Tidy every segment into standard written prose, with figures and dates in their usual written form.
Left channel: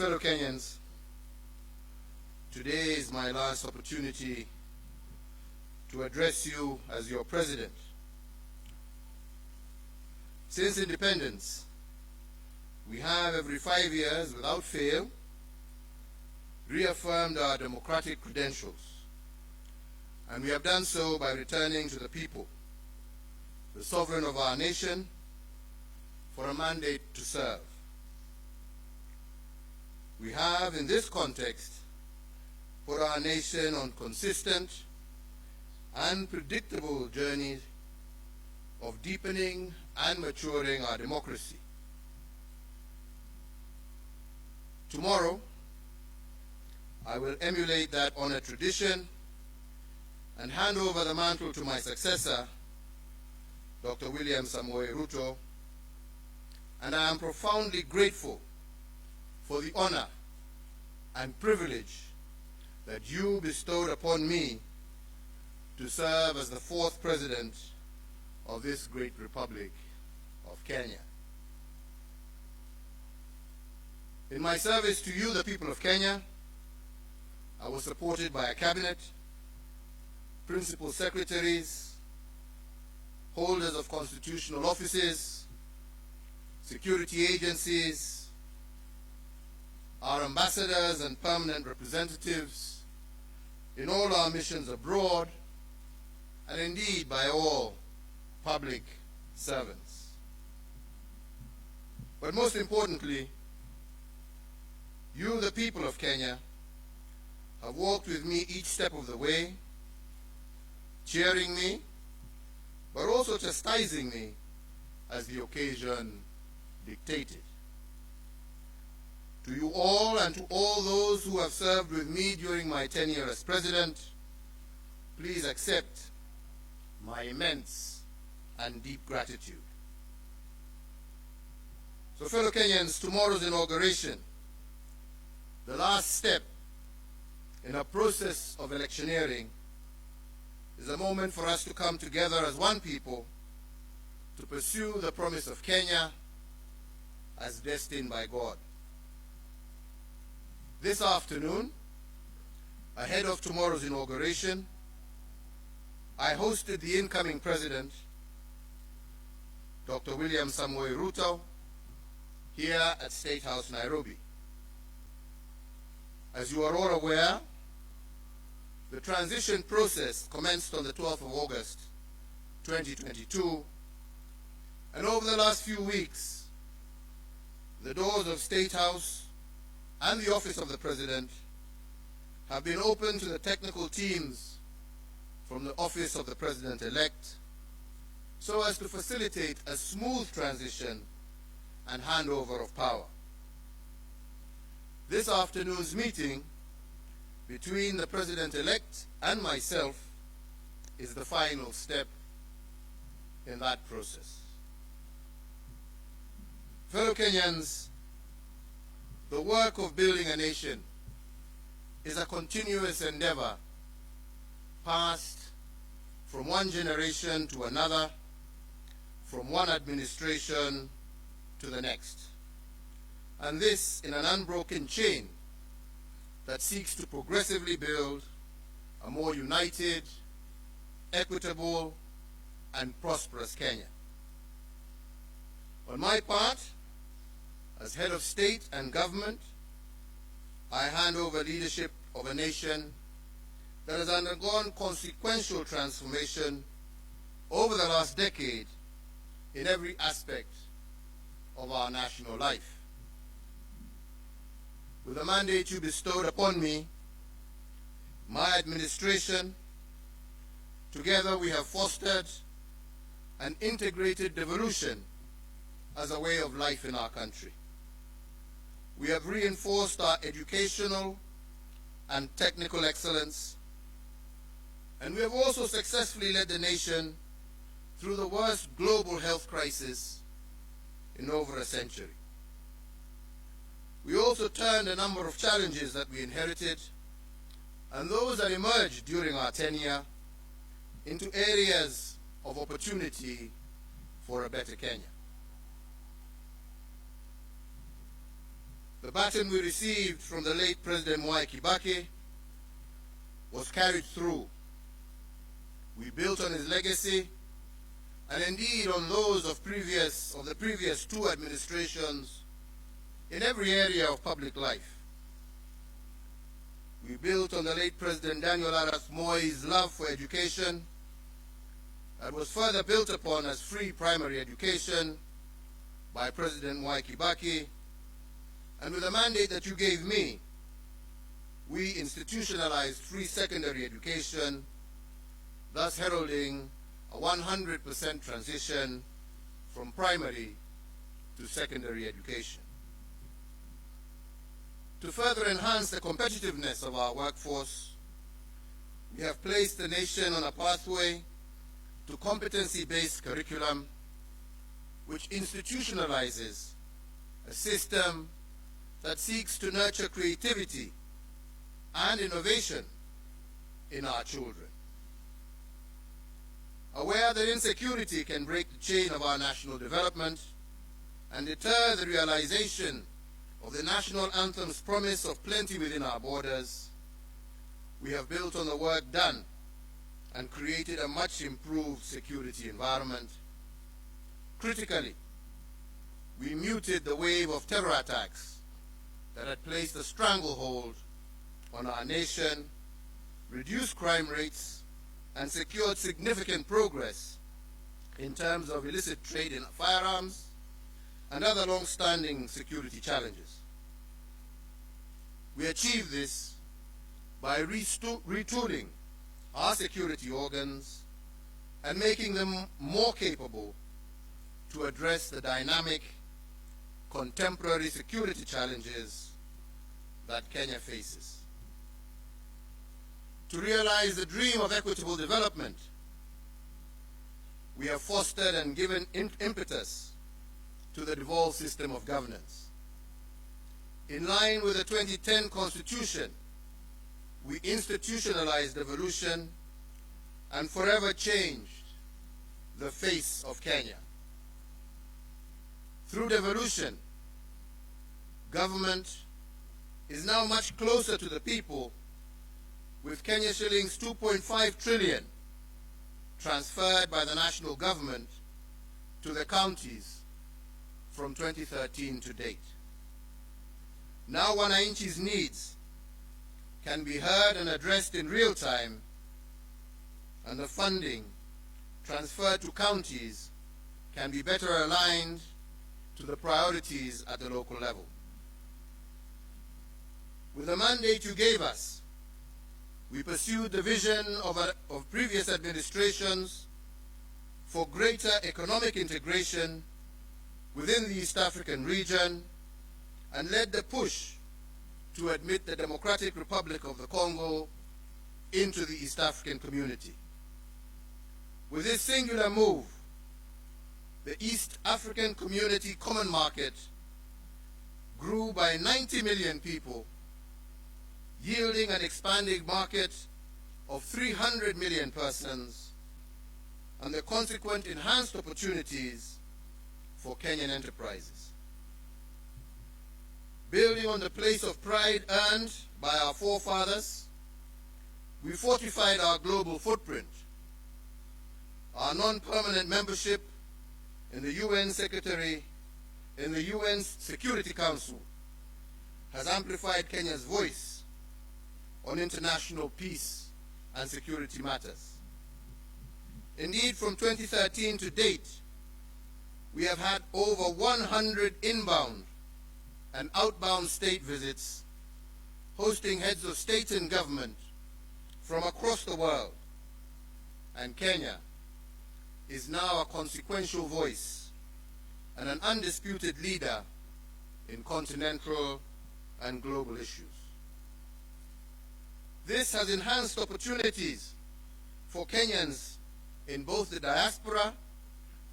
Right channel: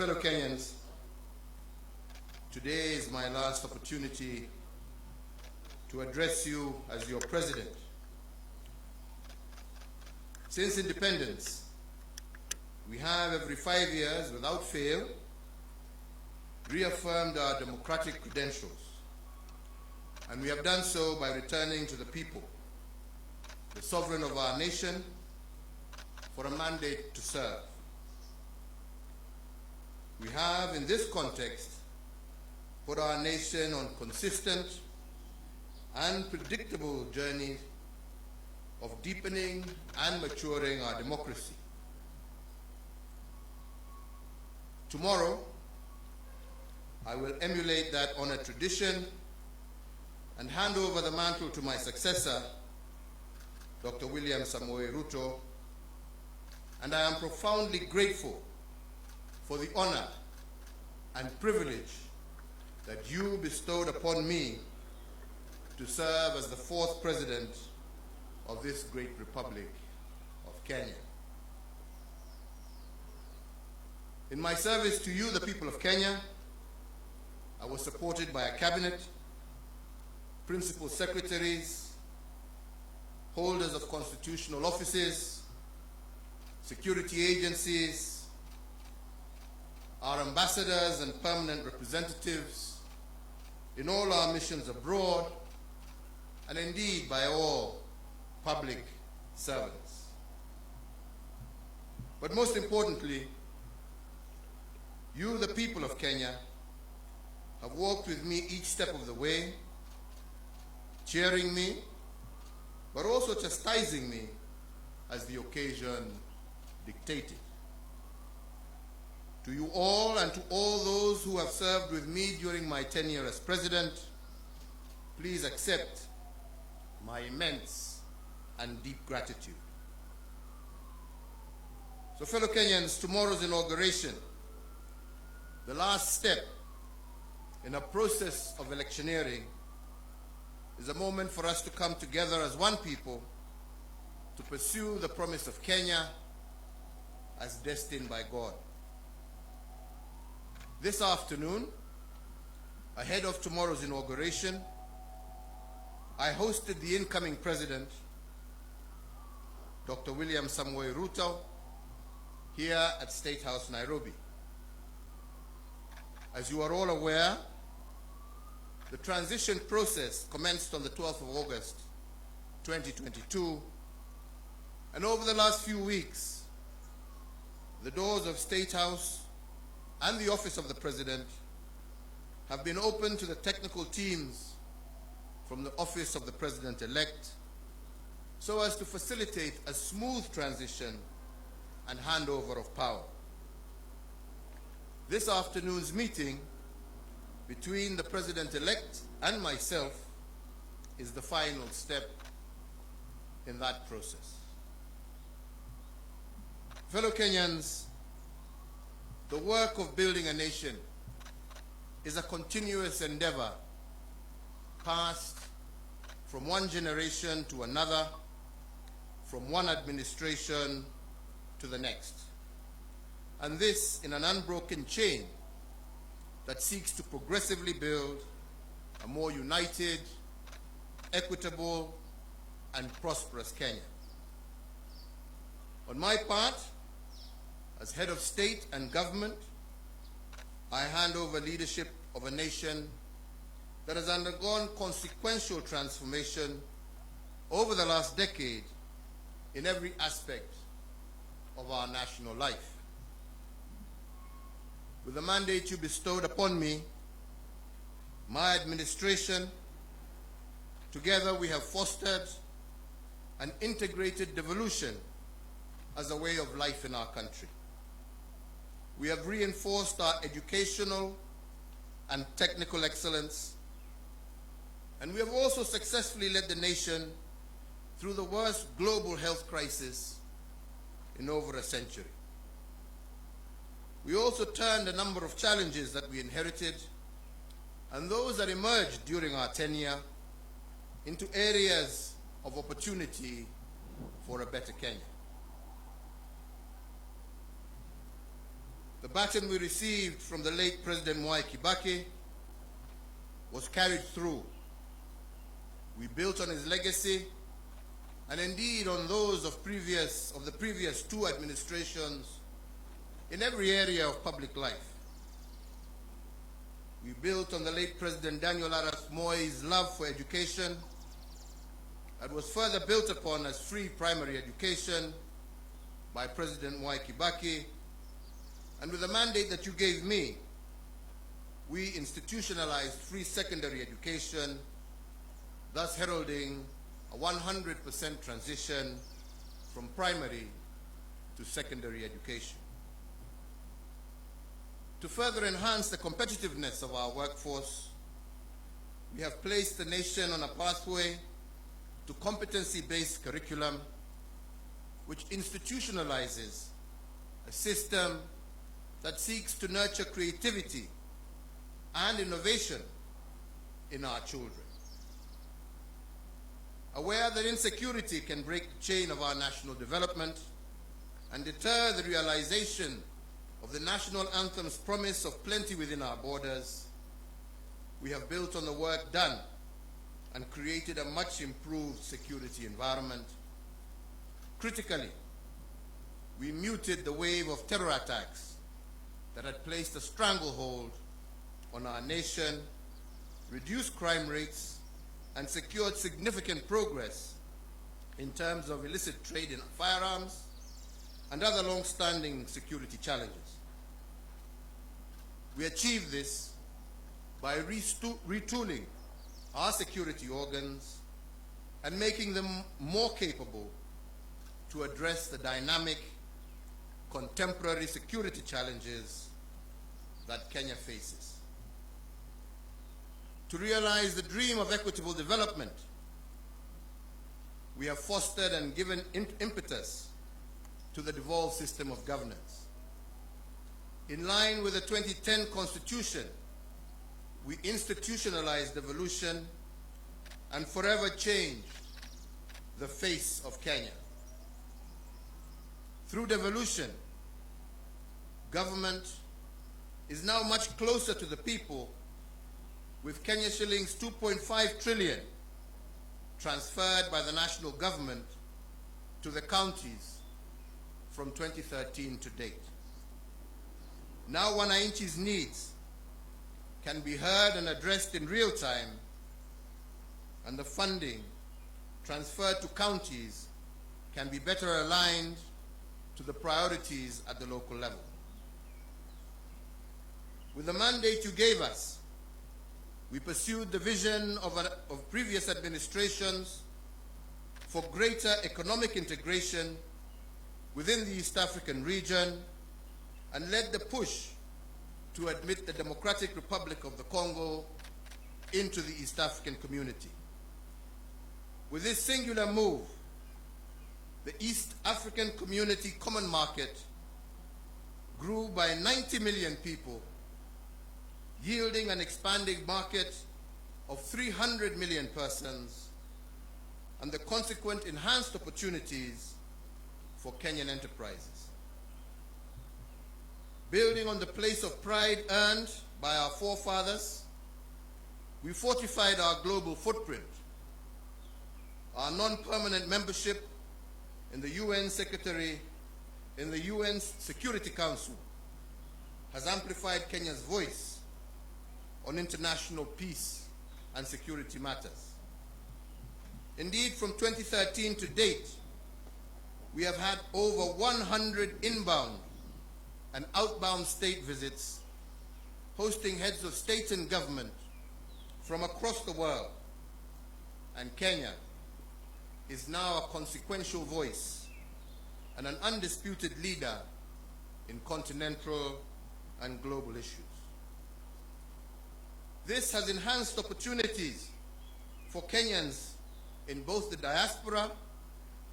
fellow Kenyans, today is my last opportunity to address you as your president. Since independence, we have every 5 years, without fail, reaffirmed our democratic credentials. And we have done so by returning to the people, the sovereign of our nation, for a mandate to serve. We have, in this context, put our nation on consistent and predictable journey of deepening and maturing our democracy. Tomorrow, I will emulate that honored tradition and hand over the mantle to my successor, Dr. William Samoei Ruto, and I am profoundly grateful for the honor and privilege that you bestowed upon me to serve as the 4th president of this great republic of Kenya. In my service to you, the people of Kenya, I was supported by a cabinet, principal secretaries, holders of constitutional offices, security agencies, our ambassadors and permanent representatives in all our missions abroad, and indeed by all public servants. But most importantly, you, the people of Kenya, have walked with me each step of the way, cheering me, but also chastising me as the occasion dictated. To you all and to all those who have served with me during my tenure as president, please accept my immense and deep gratitude. So, fellow Kenyans, tomorrow's inauguration, the last step in a process of electioneering, is a moment for us to come together as one people to pursue the promise of Kenya as destined by God. This afternoon, ahead of tomorrow's inauguration, I hosted the incoming president, Dr. William Samoei Ruto, here at State House, Nairobi. As you are all aware, the transition process commenced on the 12th of August, 2022, and over the last few weeks, the doors of State House and the office of the President have been open to the technical teams from the office of the President-elect so as to facilitate a smooth transition and handover of power. This afternoon's meeting between the President-elect and myself is the final step in that process. Fellow Kenyans, the work of building a nation is a continuous endeavor passed from one generation to another, from one administration to the next. And this in an unbroken chain that seeks to progressively build a more united, equitable, and prosperous Kenya. On my part, as head of state and government, I hand over leadership of a nation that has undergone consequential transformation over the last decade in every aspect of our national life. With the mandate you bestowed upon me, my administration, together we have fostered an integrated devolution as a way of life in our country. We have reinforced our educational and technical excellence, and we have also successfully led the nation through the worst global health crisis in over a century. We also turned a number of challenges that we inherited and those that emerged during our tenure into areas of opportunity for a better Kenya. The baton we received from the late President Mwai Kibaki was carried through. We built on his legacy and indeed on those of the previous two administrations in every area of public life. We built on the late President Daniel Arap Moi's love for education that was further built upon as free primary education by President Mwai Kibaki, and with the mandate that you gave me, we institutionalized free secondary education, thus heralding a 100% transition from primary to secondary education. To further enhance the competitiveness of our workforce, we have placed the nation on a pathway to competency-based curriculum which institutionalizes a system that seeks to nurture creativity and innovation in our children. Aware that insecurity can break the chain of our national development and deter the realization of the national anthem's promise of plenty within our borders, we have built on the work done and created a much improved security environment. Critically, we muted the wave of terror attacks that had placed a stranglehold on our nation, reduced crime rates, and secured significant progress in terms of illicit trade in firearms and other long-standing security challenges. We achieved this by retooling our security organs and making them more capable to address the dynamic, contemporary security challenges that Kenya faces. To realize the dream of equitable development, we have fostered and given impetus to the devolved system of governance. In line with the 2010 Constitution, we institutionalized devolution and forever changed the face of Kenya. Through devolution, government is now much closer to the people, with Kenya shillings 2.5 trillion transferred by the national government to the counties from 2013 to date. Now wananchi's needs can be heard and addressed in real time, and the funding transferred to counties can be better aligned to the priorities at the local level. With the mandate you gave us, we pursued the vision of previous administrations for greater economic integration within the East African region and led the push to admit the Democratic Republic of the Congo into the East African community. With this singular move, the East African Community Common Market grew by 90 million people, yielding an expanding market of 300 million persons and the consequent enhanced opportunities for Kenyan enterprises. Building on the place of pride earned by our forefathers, we fortified our global footprint. Our non-permanent membership in the UN Security Council has amplified Kenya's voice on international peace and security matters. Indeed, from 2013 to date, we have had over 100 inbound and outbound state visits, hosting heads of state and government from across the world, and Kenya is now a consequential voice and an undisputed leader in continental and global issues. This has enhanced opportunities for Kenyans in both the diaspora,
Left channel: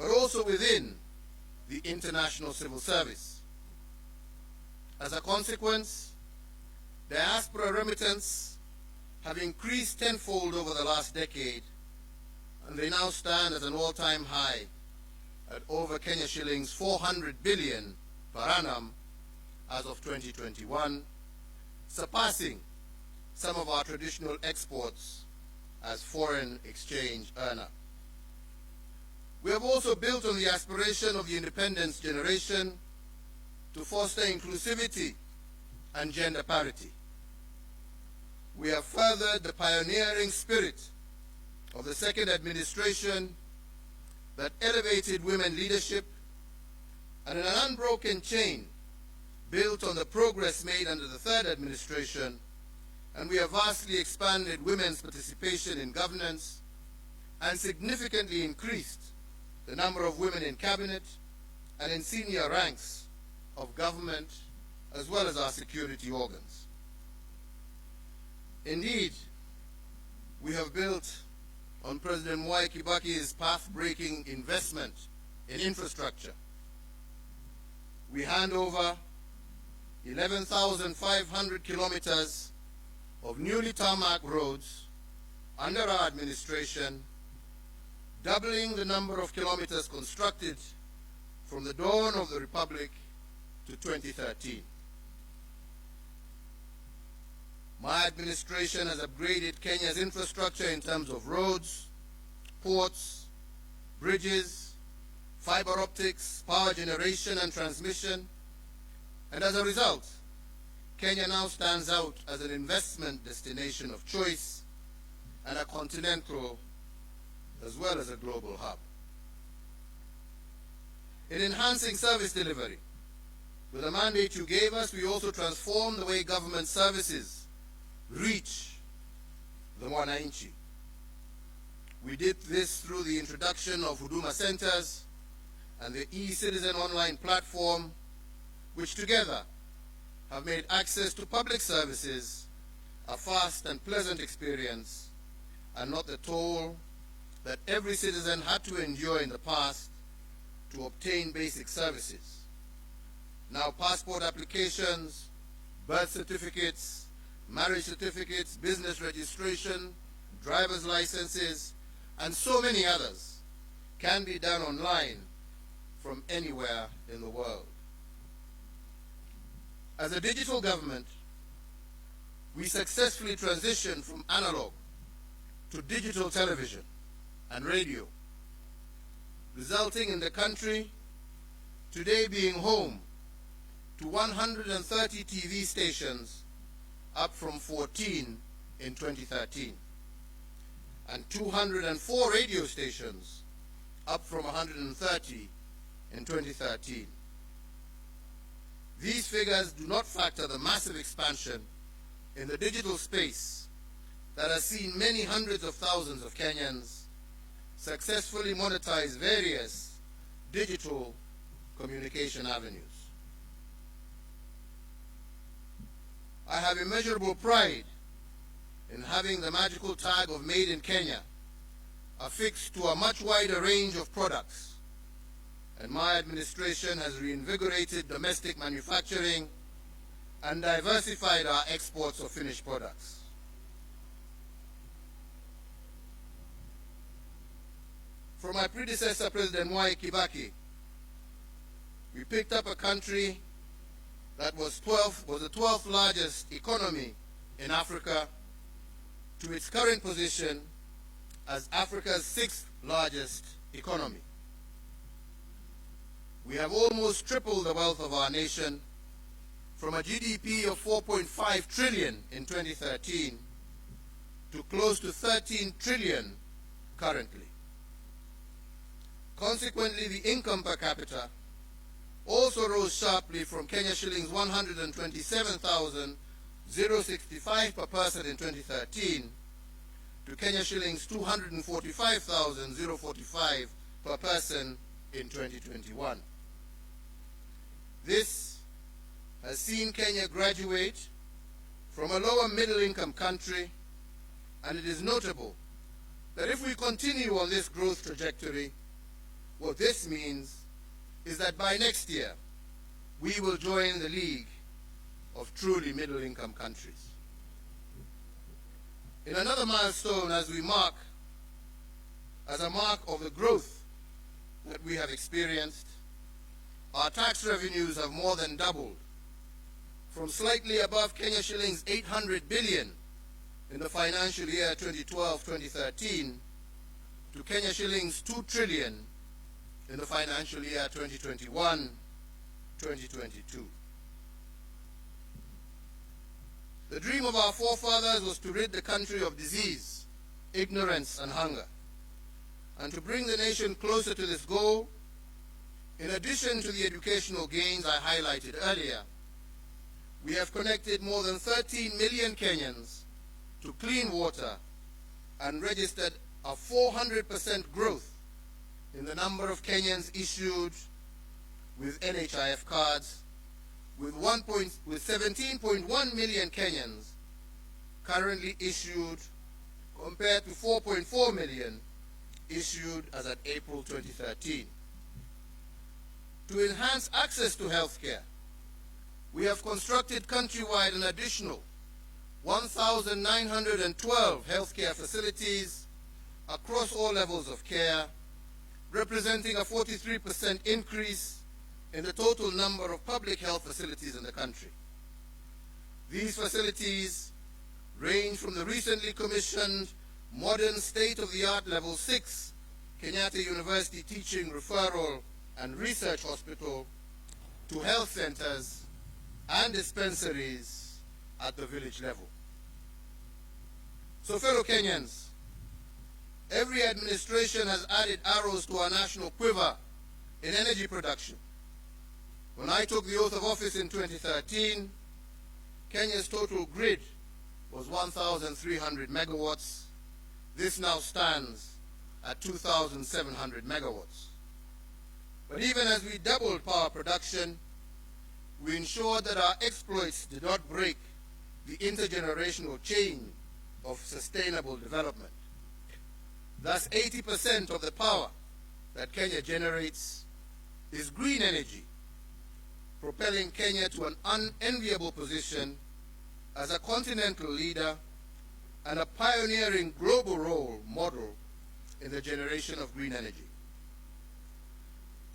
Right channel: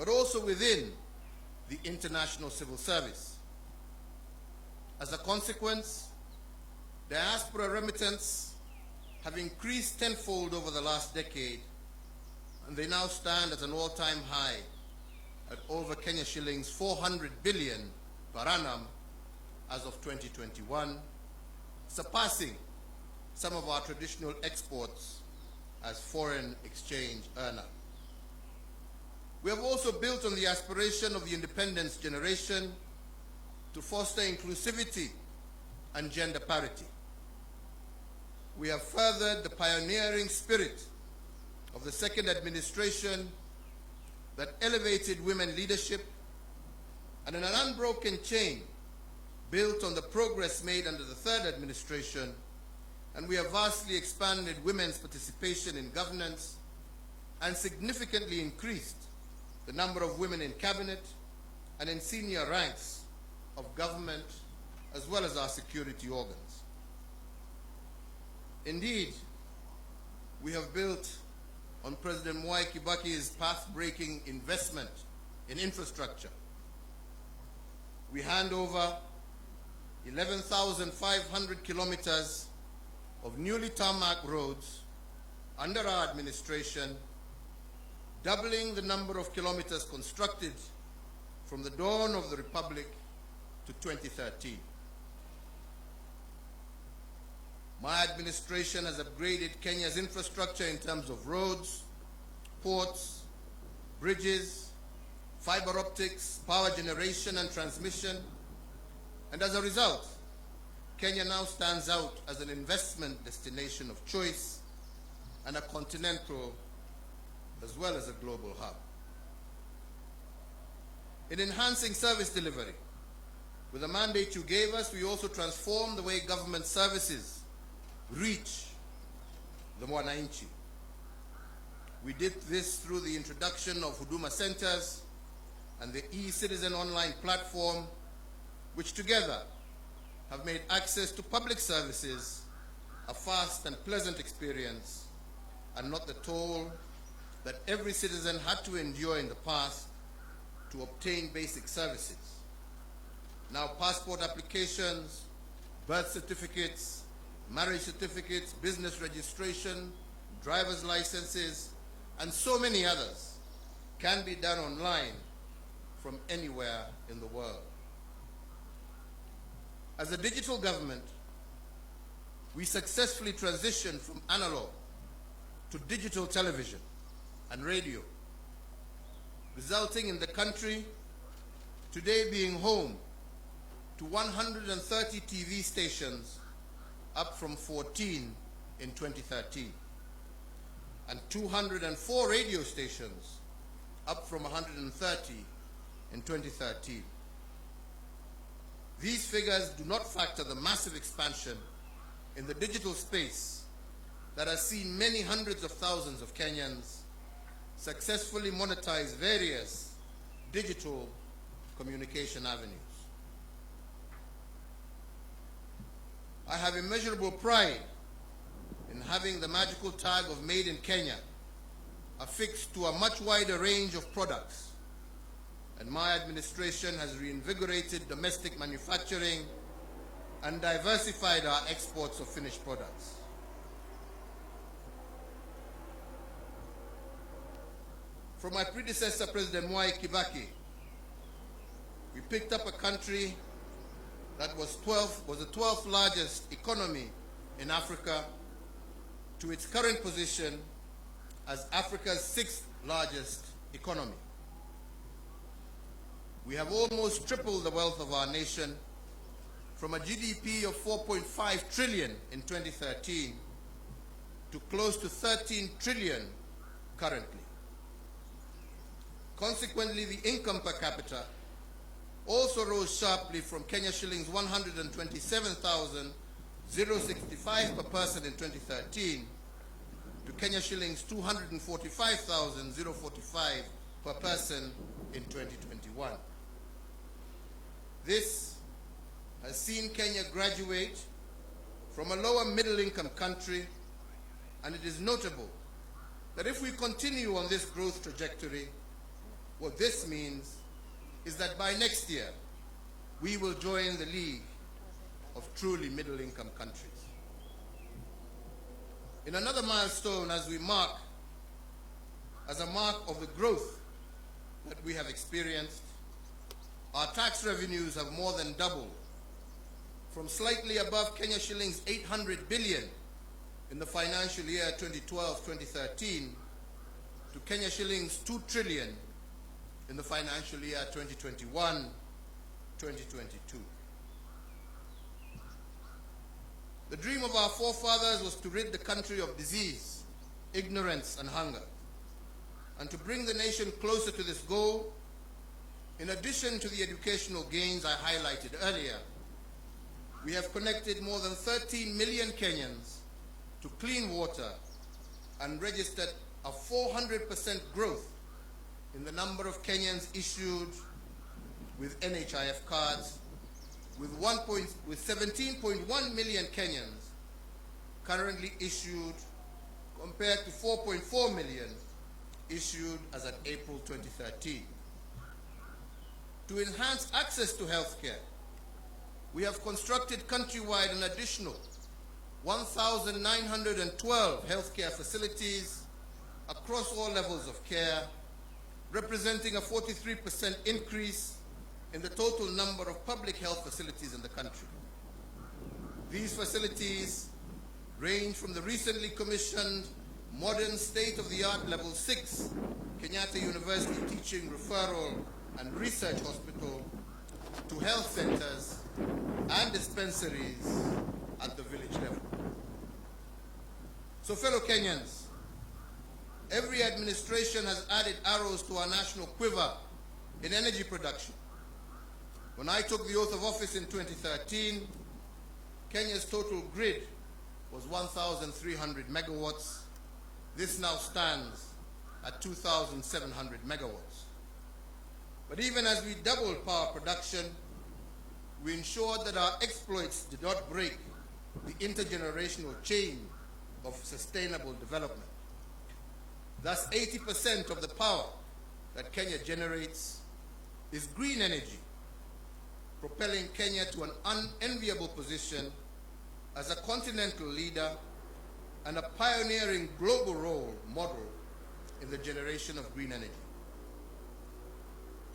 but also within the international civil service. As a consequence, diaspora remittance have increased tenfold over the last decade, and they now stand at an all-time high at over Kenya shillings 400 billion per annum, as of 2021, surpassing some of our traditional exports as foreign exchange earner. We have also built on the aspiration of the independence generation to foster inclusivity and gender parity. We have furthered the pioneering spirit of the second administration that elevated women leadership, and in an unbroken chain built on the progress made under the third administration, and we have vastly expanded women's participation in governance and significantly increased the number of women in cabinet and in senior ranks of government as well as our security organs. Indeed, we have built on President Mwai Kibaki's path-breaking investment in infrastructure. We hand over 11,500 kilometers of newly tarmac roads under our administration, doubling the number of kilometers constructed from the dawn of the Republic to 2013. My administration has upgraded Kenya's infrastructure in terms of roads, ports, bridges, fiber optics, power generation and transmission, and as a result, Kenya now stands out as an investment destination of choice and a continental as well as a global hub. In enhancing service delivery, with the mandate you gave us, we also transformed the way government services reach the Mwananchi. We did this through the introduction of Huduma Centers and the e-Citizen online platform, which together have made access to public services a fast and pleasant experience and not the toll that every citizen had to endure in the past to obtain basic services. Now passport applications, birth certificates, marriage certificates, business registration, driver's licenses, and so many others can be done online from anywhere in the world. As a digital government, we successfully transitioned from analog to digital television and radio, resulting in the country today being home to 130 TV stations, up from 14 in 2013, and 204 radio stations, up from 130 in 2013. These figures do not factor the massive expansion in the digital space that has seen many hundreds of thousands of Kenyans successfully monetize various digital communication avenues. I have immeasurable pride in having the magical tag of Made in Kenya affixed to a much wider range of products, and my administration has reinvigorated domestic manufacturing and diversified our exports of finished products. From my predecessor, President Mwai Kibaki, we picked up a country that was the 12th largest economy in Africa to its current position as Africa's 6th largest economy. We have almost tripled the wealth of our nation from a GDP of 4.5 trillion in 2013 to close to 13 trillion currently. Consequently, the income per capita also rose sharply from Kenya shillings 127,065 per person in 2013 to Kenya shillings 245,045 per person in 2021. This has seen Kenya graduate from a lower middle income country, and it is notable that if we continue on this growth trajectory, what this means is that by next year, we will join the league of truly middle-income countries. In another milestone as a mark of the growth that we have experienced, our tax revenues have more than doubled from slightly above Kenya shillings 800 billion in the financial year 2012-2013 to Kenya shillings 2 trillion in the financial year 2021-2022. The dream of our forefathers was to rid the country of disease, ignorance, and hunger. And to bring the nation closer to this goal, in addition to the educational gains I highlighted earlier, we have connected more than 13 million Kenyans to clean water and registered a 400% growth in the number of Kenyans issued with NHIF cards, with 17.1 million Kenyans currently issued compared to 4.4 million issued as at April 2013. To enhance access to healthcare, we have constructed countrywide an additional 1,912 healthcare facilities across all levels of care, representing a 43% increase in the total number of public health facilities in the country. These facilities range from the recently commissioned modern state-of-the-art Level 6 Kenyatta University Teaching, Referral and Research Hospital to health centers and dispensaries at the village level. So fellow Kenyans, every administration has added arrows to our national quiver in energy production. When I took the oath of office in 2013, Kenya's total grid was 1,300 megawatts. This now stands at 2,700 megawatts. But even as we doubled power production, we ensured that our exploits did not break the intergenerational chain of sustainable development. Thus, 80% of the power that Kenya generates is green energy, propelling Kenya to an unenviable position as a continental leader and a pioneering global role model in the generation of green energy.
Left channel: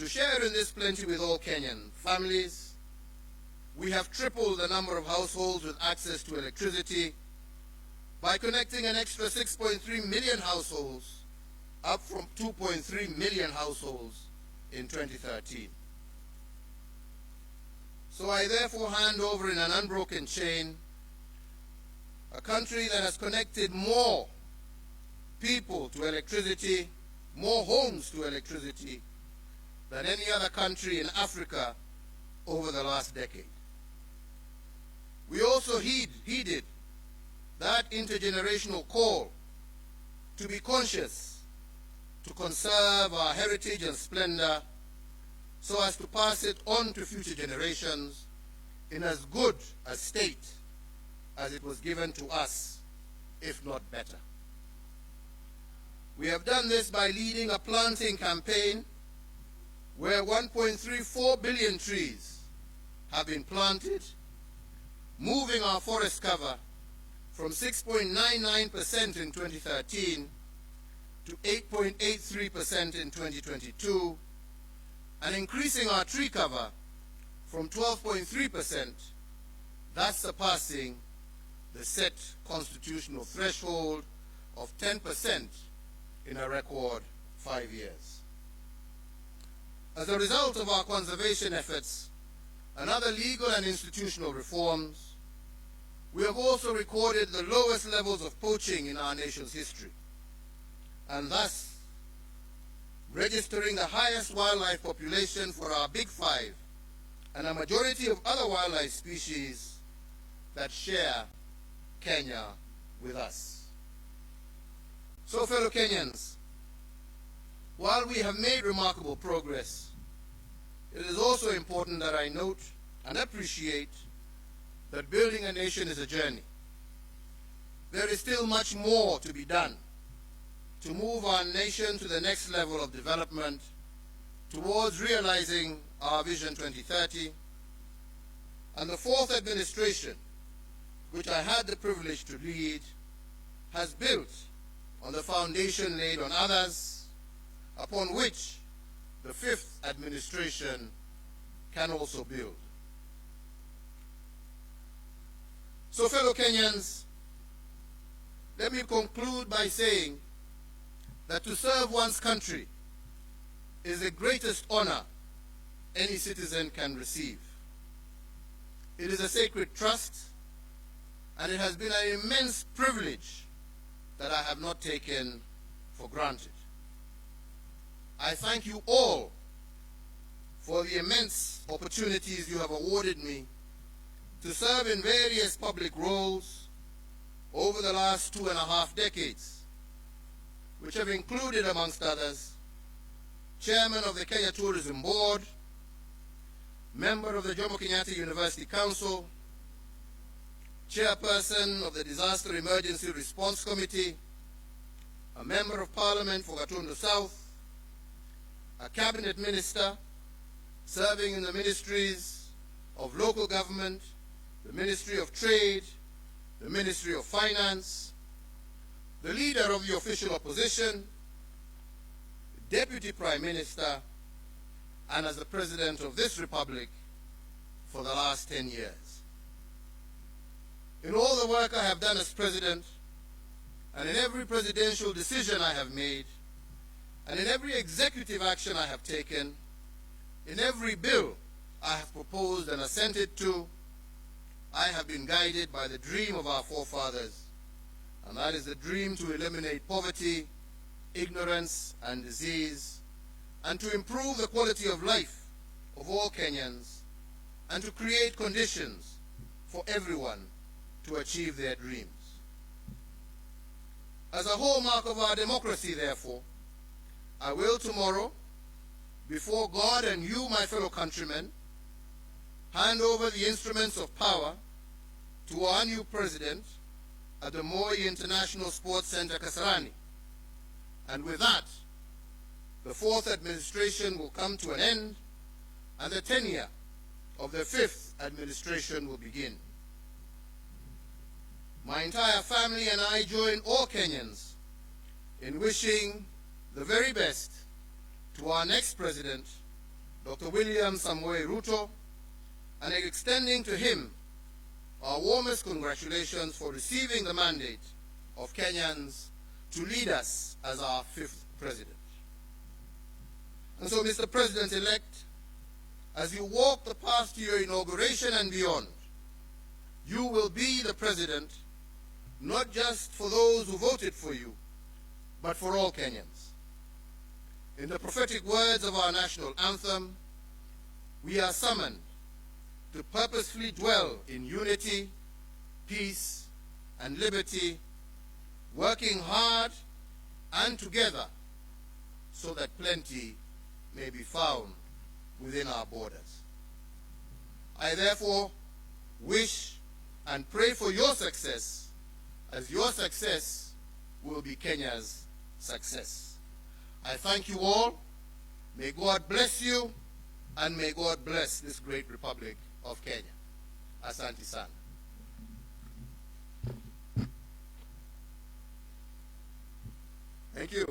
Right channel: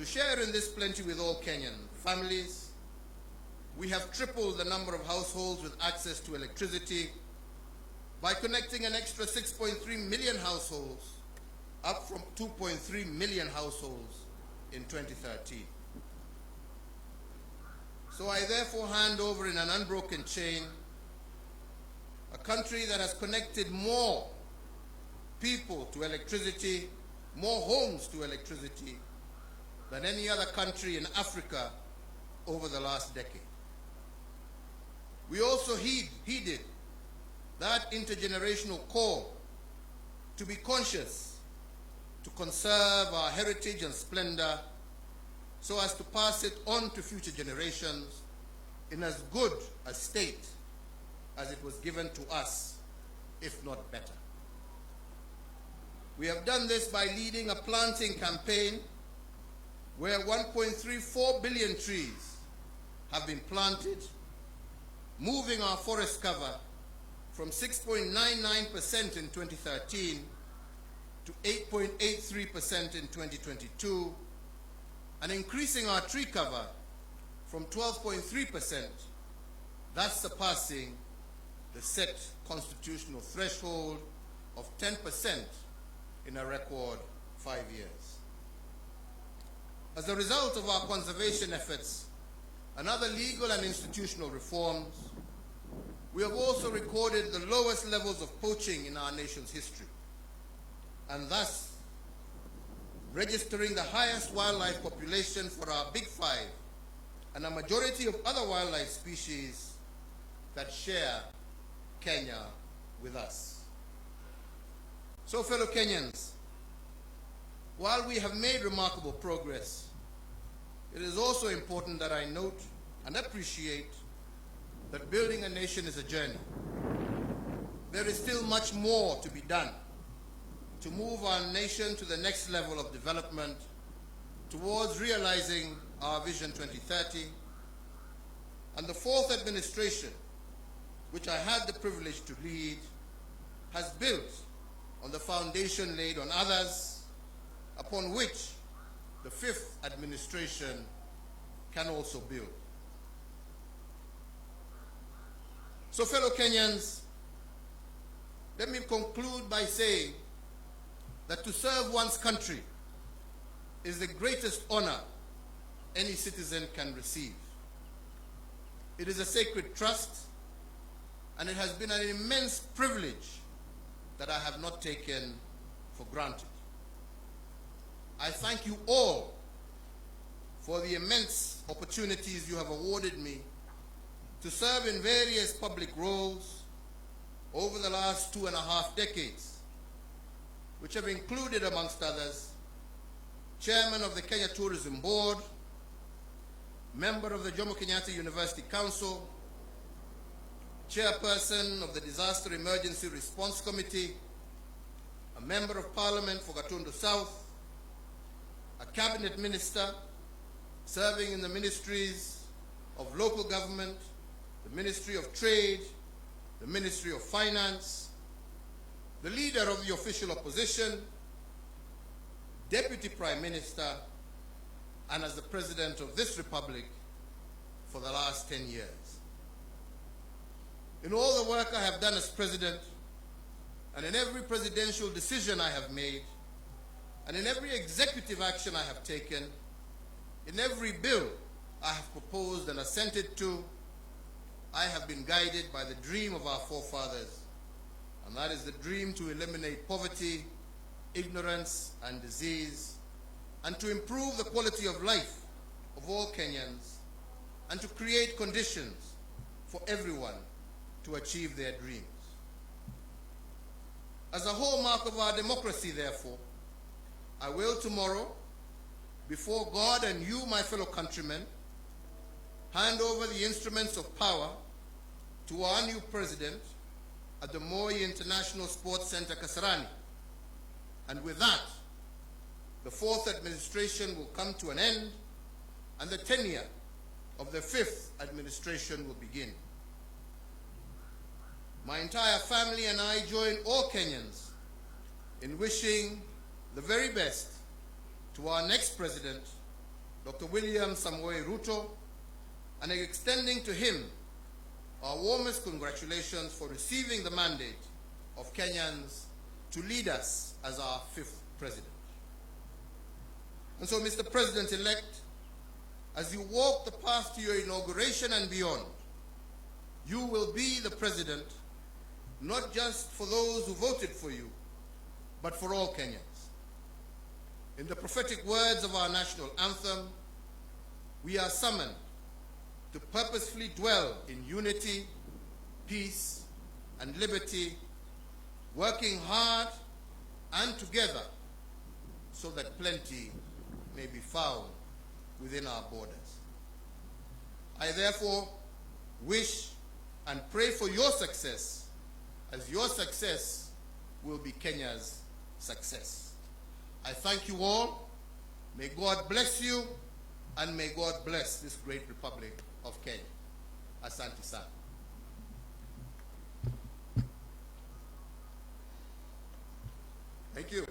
To share in this plenty with all Kenyan families, we have tripled the number of households with access to electricity by connecting an extra 6.3 million households, up from 2.3 million households in 2013. So I therefore hand over in an unbroken chain a country that has connected more people to electricity, more homes to electricity, than any other country in Africa over the last decade. We also heeded that intergenerational call to be conscious, to conserve our heritage and splendor, so as to pass it on to future generations in as good a state as it was given to us, if not better. We have done this by leading a planting campaign where 1.34 billion trees have been planted, moving our forest cover from 6.99% in 2013 to 8.83% in 2022, and increasing our tree cover from 12.3%, thus surpassing the set constitutional threshold of 10% in a record 5 years. As a result of our conservation efforts and other legal and institutional reforms, we have also recorded the lowest levels of poaching in our nation's history, and thus registering the highest wildlife population for our Big Five and a majority of other wildlife species that share Kenya with us. So fellow Kenyans, while we have made remarkable progress, it is also important that I note and appreciate that building a nation is a journey. There is still much more to be done to move our nation to the next level of development towards realizing our Vision 2030. And the fourth administration, which I had the privilege to lead, has built on the foundation laid on others, upon which the fifth administration can also build. So, fellow Kenyans, let me conclude by saying that to serve one's country is the greatest honor any citizen can receive. It is a sacred trust, and it has been an immense privilege that I have not taken for granted. I thank you all for the immense opportunities you have awarded me to serve in various public roles over the last 2.5 decades, which have included, amongst others, Chairman of the Kenya Tourism Board, member of the Jomo Kenyatta University Council, Chairperson of the Disaster Emergency Response Committee, a Member of Parliament for Gatundu South, a Cabinet Minister serving in the Ministries of Local Government, the Ministry of Trade, the Ministry of Finance, the Leader of the Official Opposition, Deputy Prime Minister, and as the President of this Republic for the last 10 years. In all the work I have done as President, and in every presidential decision I have made, and in every executive action I have taken, in every bill I have proposed and assented to, I have been guided by the dream of our forefathers, and that is the dream to eliminate poverty, ignorance, and disease, and to improve the quality of life of all Kenyans, and to create conditions for everyone to achieve their dreams. As a hallmark of our democracy, therefore, I will tomorrow, before God and you, my fellow countrymen, hand over the instruments of power to our new president at the Moi International Sports Center, Kasarani. And with that, the fourth administration will come to an end, and the tenure of the fifth administration will begin. My entire family and I join all Kenyans in wishing the very best to our next president, Dr. William Samoei Ruto, and extending to him our warmest congratulations for receiving the mandate of Kenyans to lead us as our fifth president. And so, Mr. President-elect, as you walk the path to your inauguration and beyond, you will be the president not just for those who voted for you, but for all Kenyans. In the prophetic words of our national anthem, we are summoned to purposefully dwell in unity, peace, and liberty, working hard and together so that plenty may be found within our borders. I therefore wish and pray for your success, as your success will be Kenya's success. I thank you all. May God bless you, and may God bless this great Republic of Kenya. Asante sana. Thank you.